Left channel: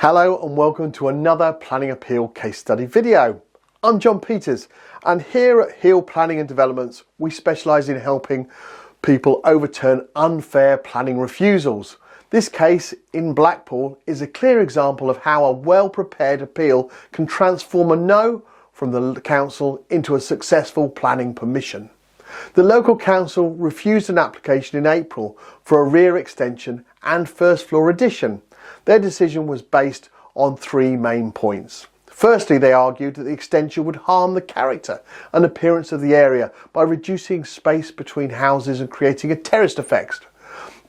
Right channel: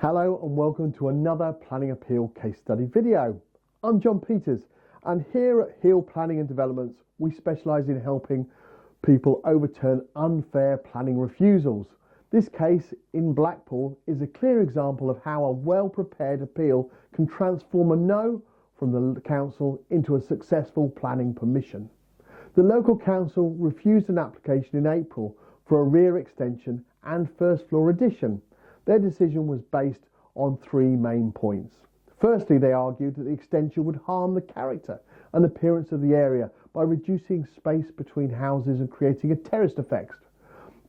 Hello and welcome to another planning appeal case study video. I'm John Peters, and here at Hill Planning and Developments we specialise in helping people overturn unfair planning refusals. This case in Blackpool is a clear example of how a well-prepared appeal can transform a no from the council into a successful planning permission. The local council refused an application in April for a rear extension and first floor addition. Their decision was based on three main points. Firstly, they argued that the extension would harm the character and appearance of the area by reducing space between houses and creating a terraced effect.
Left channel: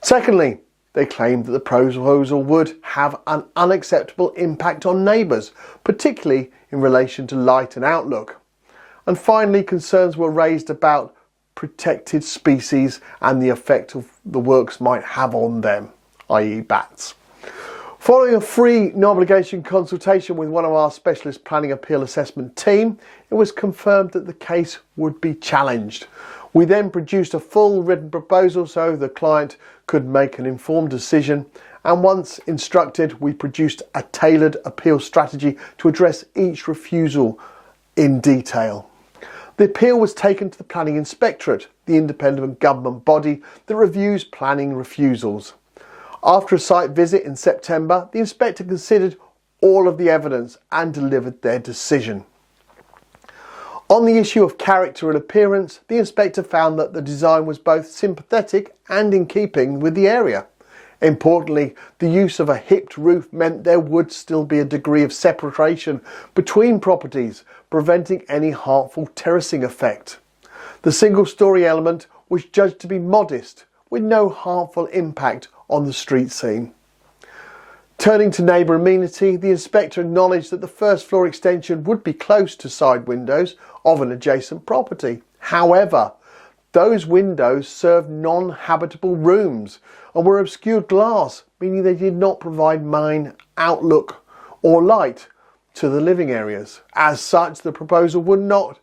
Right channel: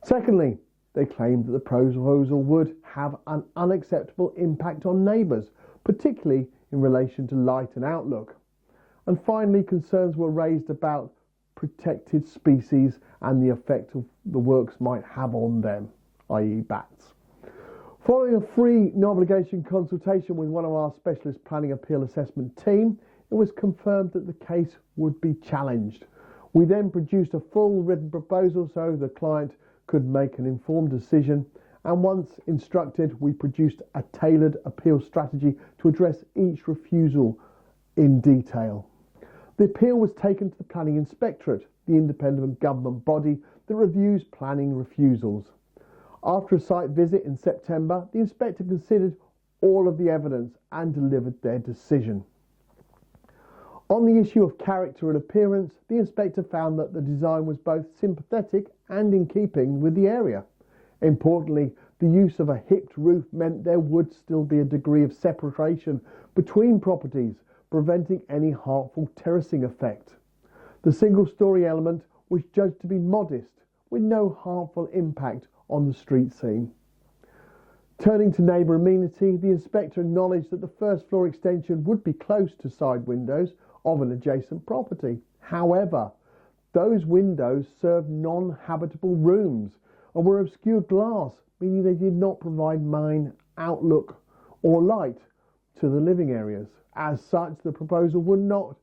Secondly, they claimed that the proposal would have an unacceptable impact on neighbours, particularly in relation to light and outlook. And finally, concerns were raised about protected species and the effect of the works might have on them, i.e. bats. Following a free, no obligation consultation with one of our specialist planning appeal assessment team, it was confirmed that the case would be challenged. We then produced a full written proposal so the client could make an informed decision, and once instructed we produced a tailored appeal strategy to address each refusal in detail. The appeal was taken to the Planning Inspectorate, the independent government body that reviews planning refusals. After a site visit in September, the inspector considered all of the evidence and delivered their decision. On the issue of character and appearance, the inspector found that the design was both sympathetic and in keeping with the area. Importantly, the use of a hipped roof meant there would still be a degree of separation between properties, preventing any harmful terracing effect. The single-storey element was judged to be modest, with no harmful impact on the street scene. Turning to neighbour amenity, the inspector acknowledged that the first floor extension would be close to side windows of an adjacent property. However, those windows served non-habitable rooms and were obscured glass, meaning they did not provide main outlook or light to the living areas. As such, the proposal would not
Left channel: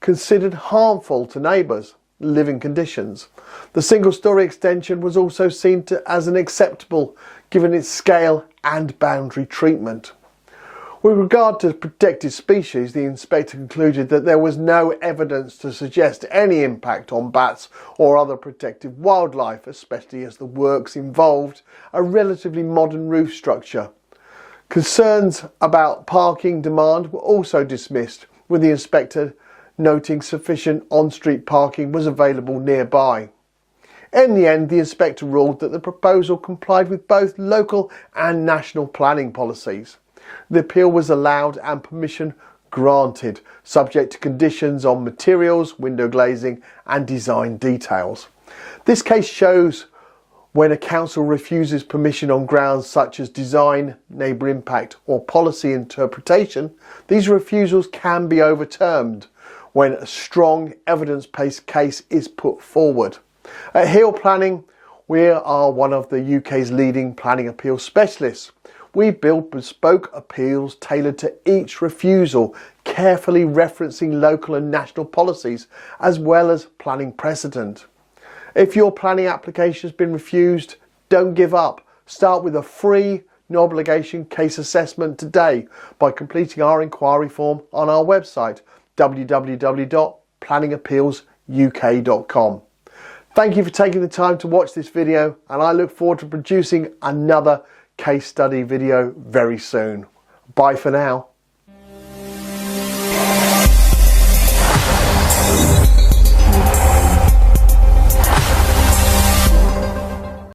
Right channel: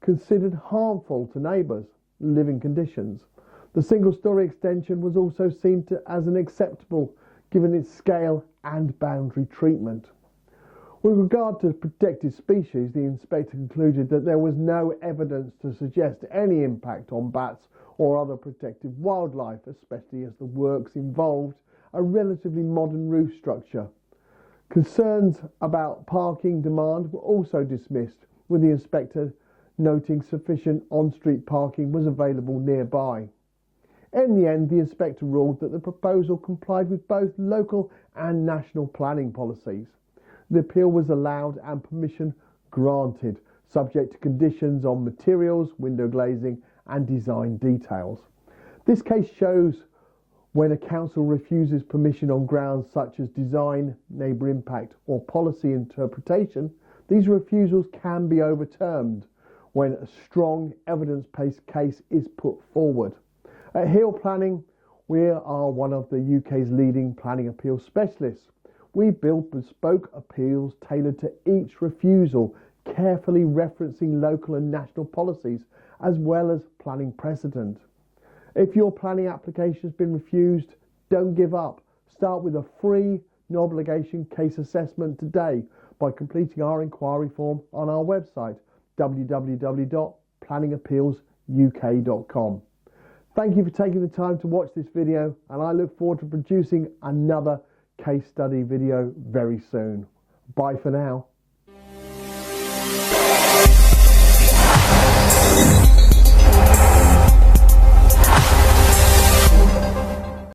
considered harmful to neighbours' living conditions. The single-storey extension was also seen as an acceptable given its scale and boundary treatment. With regard to protected species, the inspector concluded that there was no evidence to suggest any impact on bats or other protected wildlife, especially as the works involved a relatively modern roof structure. Concerns about parking demand were also dismissed, with the inspector noting sufficient on-street parking was available nearby. In the end, the inspector ruled that the proposal complied with both local and national planning policies. The appeal was allowed and permission granted, subject to conditions on materials, window glazing and design details. This case shows when a council refuses permission on grounds such as design, neighbour impact or policy interpretation, these refusals can be overturned when a strong evidence-based case is put forward. At Hill Planning, we are one of the UK's leading planning appeal specialists. We build bespoke appeals tailored to each refusal, carefully referencing local and national policies as well as planning precedent. If your planning application has been refused, don't give up. Start with a free, no obligation case assessment today by completing our inquiry form on our website www.planningappealsuk.com. Thank you for taking the time to watch this video, and I look forward to producing another case study video very soon. Bye for now.